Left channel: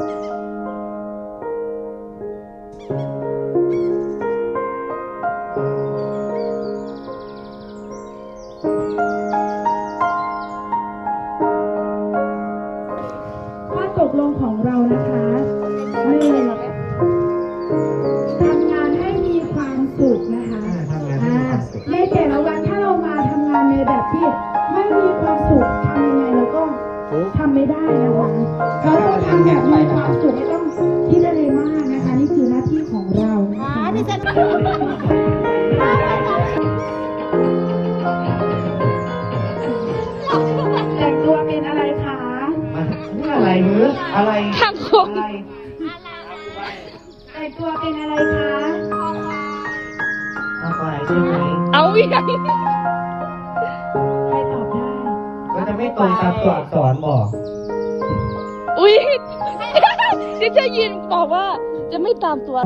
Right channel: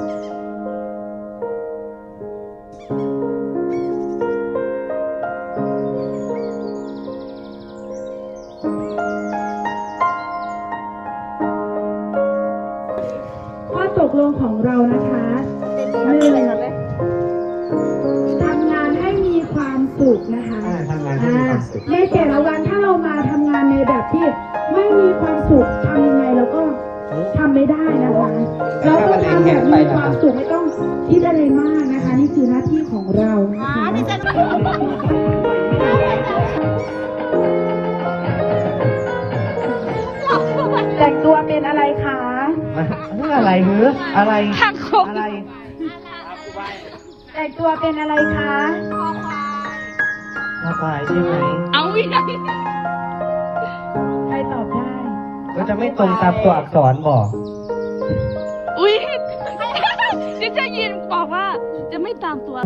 ข้อตกลงของเรานะคะหนึ่งทำงานให้มีความสุขนะคะ ทำงานให้มีความสุข ในแต่ละวันถ้าเรามาทำงานในแบบที่ไม่มีความสุขทำยังไงเราก็ ทำไม่ได้นะคะเราต้องทำแบบมีความสุขไม่ต้องคิดอะไรมากนะคะ นี่คือหน้าที่ของเรานะคะแต่งตัวเป็นอะไรคะอะไรหรืออะไรอะไรแต่งตัวเป็นอะไรคะอะไรใช่ไหมเอาอีก ตรงตามตัวอักษรบอกอุ้ยจะจะยินบอกว่าจะไม่ตามตัว